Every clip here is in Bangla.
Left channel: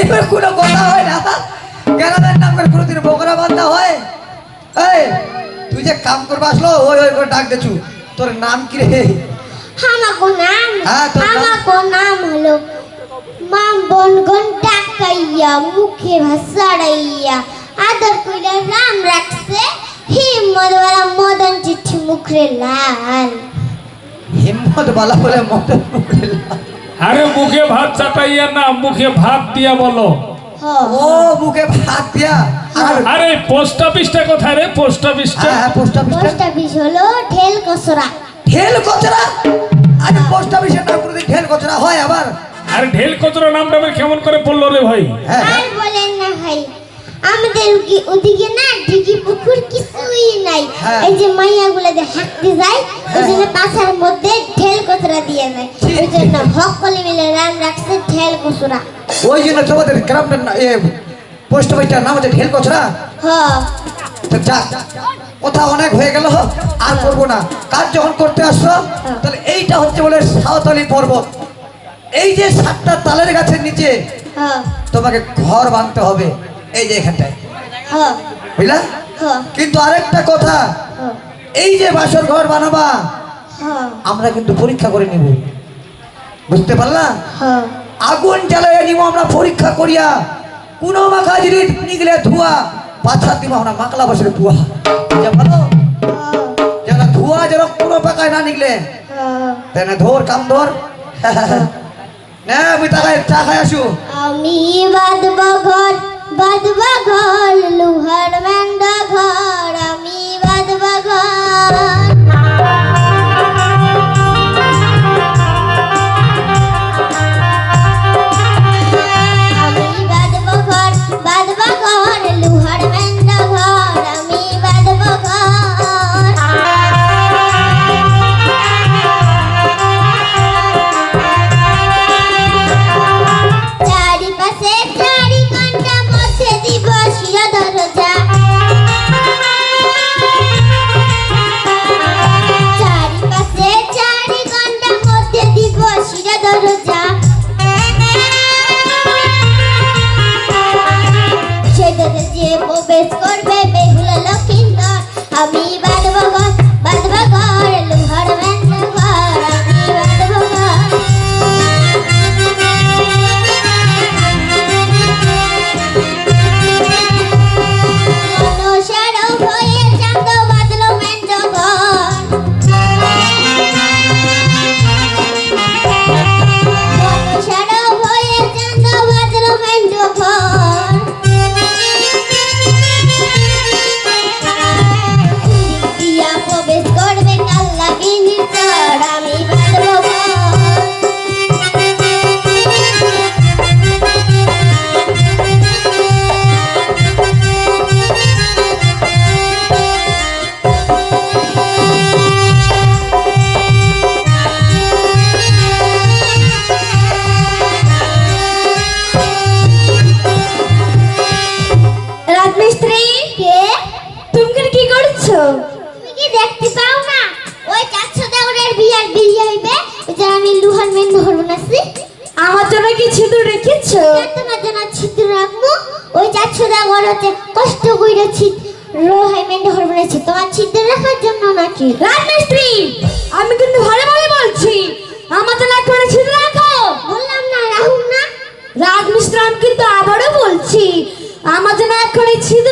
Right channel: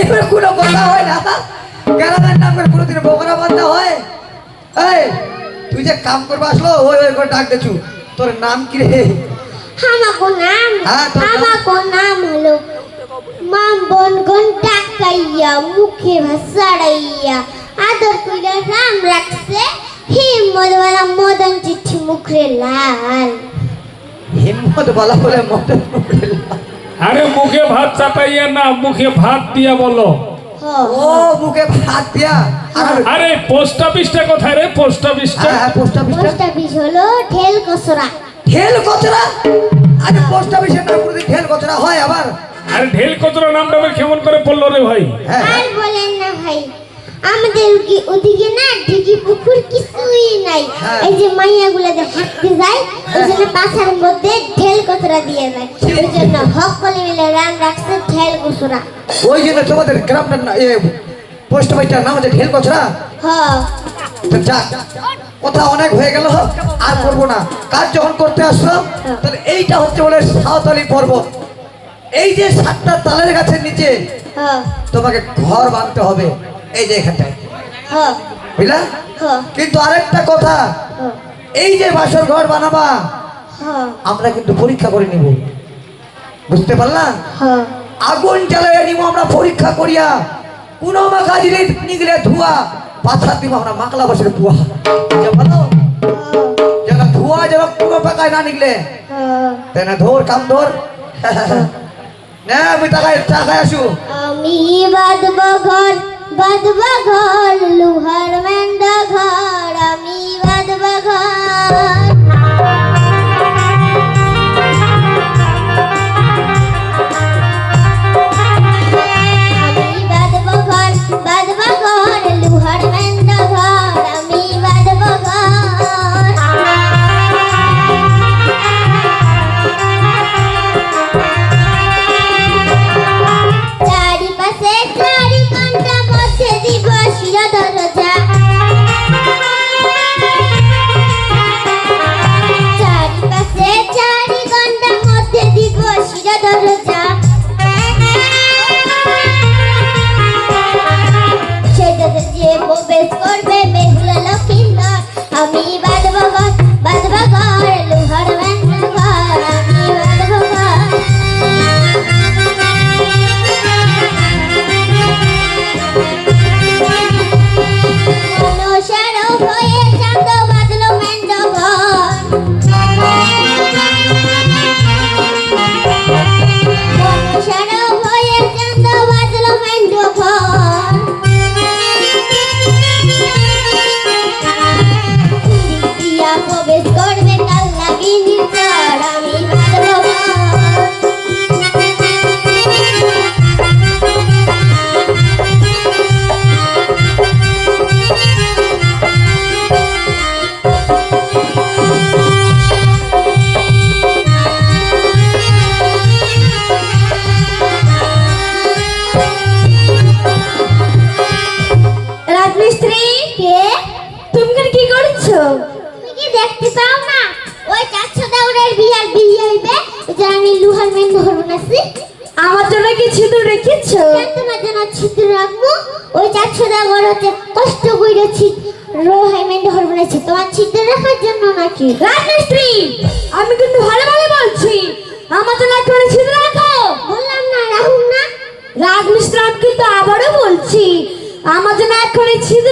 এবার কোনো কথা হয় না গ্রামের নাম করে কোনোদিন বকরা বান্ধা হয়। এই তুই যে কাম করবা আসলো ওই ওই করে ডাক দেছু তোর নাম কি রে? আমাকো নাম হ্যাঁ? আমাকো নাম হলো মাম বন গন টাকাইয়া মুখে ভাসাড়াইয়া। আদর কইলে রাম রাখছে হিম্মত ওরা মদন চিঠি মুখরে লাল। হিম্মত বলা বলে মদন মুখে লাল। আরে মুখে ভাত চাটাইয়া না মুখে ভাত দিয়া বলো। ও মুখে ভাত দিয়া? আরে পোস্ট অফিসটা কোথায় রে? পোস্ট অফিসটা? হ্যাঁ, পোস্ট অফিসটা। পোস্ট অফিস হলো ঠেল কসরা ঢেল কচরা আরে পোস্ট অফিসের নাম করে ঢেল কচরা হয় আবার? আরে ঢেল কচরা নামটা আবার কেমন করে পড়ল রে ভাই? হ্যাঁ। হ্যাঁ। আর বলেন না ভাই আমাদের ওদিকে না দিঘি পুকুর কিছুই নাই। হ্যাঁ। এই যে মাইয়া গুলো যে হাঁটতে যায় ওই জন্য পাশার মধ্যে কচরা দিয়ে যায় ওই জন্য হক কলে মিলে রান রাখছে কচরা ওই জন্য তোমাদের গ্রামটার পোস্ট অফিসটার নাম হচ্ছে ঢেল কচরা? হ। তো যা কথা অনেক হয়ে গেল আর করব না। কাজ যখন করতে তাহলে এইটা হচ্ছে বলে সাঁওতালি পর্বত। এই যে সাতটা তালের গাছের নিচে তোমাকে ঘর বাঁধতে হবে এই যে এখানটায়। বুঝলা? কিন্তু আরেকটা কথা এই যে বাসর ঘর বানাবা আমরা কিন্তু পরীক্ষা করে নিব। বুঝতে পারলা? আগুন জ্বালাইয়া নিব আমরা পরীক্ষা করিয়া। কোনো মাখা জিনিস নিগলে ধোয়া পাথা দিব আমরা মাকলা বসে ধোয়া। যে ভালো যেন ধোয়া যেন কোনো পাকায় না নিগলে তেনে ধর কাম ধর। না আমি টাকায় টাকায় আসু। আমি বাঁধব ঘর বাঁধব ঘর লোহার ব্যান্ডা ঘর যে আমি লুহার মেন আমার জন্য কি ছিদ্র রেখেছো? তোমার জন্য ছিদ্র রাখব ওই কষ্ট ছিদ্র রোহাই মেন ধরবো না তোমার ছিদ্র রাখার জন্য নাকি? রাজমিস্ত্রি আমি কিন্তু ভালো ভালো বলছি। আমার জন্য একবারে ছিদ্র রাখো! বললাম না রাহুল না। রাজমিস্ত্রি আমি কিন্তু আবারও বলছি। আমার জন্য একবারে ছিদ্র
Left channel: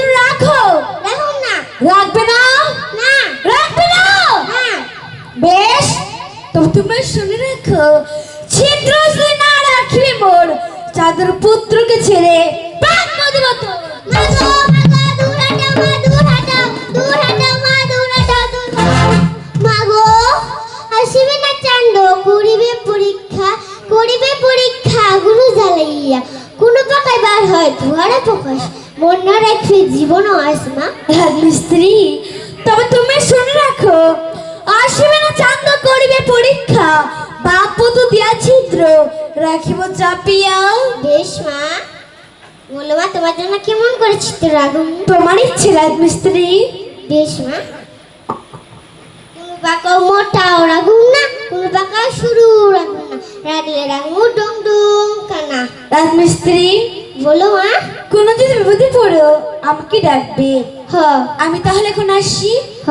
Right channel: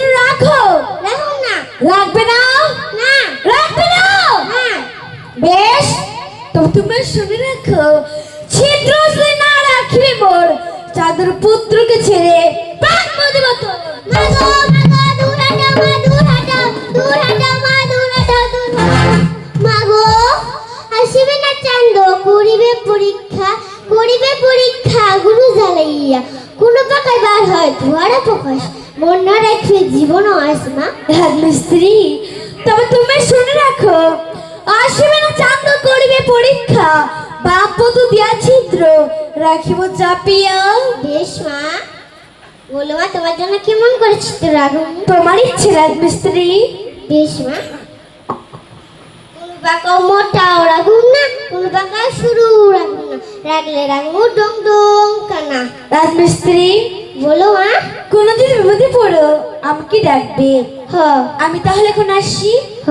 রাখিব চাপিয়া বেশ মা। বলো মা তোমার জন্য কেমন করে ছিদ্র রাখুন তোমার ইচ্ছে রাজমিস্ত্রি বেশ মা। কোনো বাঁকা মোটাও রাখুন না কোনো বাঁকা শুরু রাখুন না। রাখলে রাখব ডং ডং না রাজমিস্ত্রি বলো মা। কোনোদিন বিপদে পড়ো আমাকে ডাকবে। হ। আমি তাহলে এখন আসি। হ।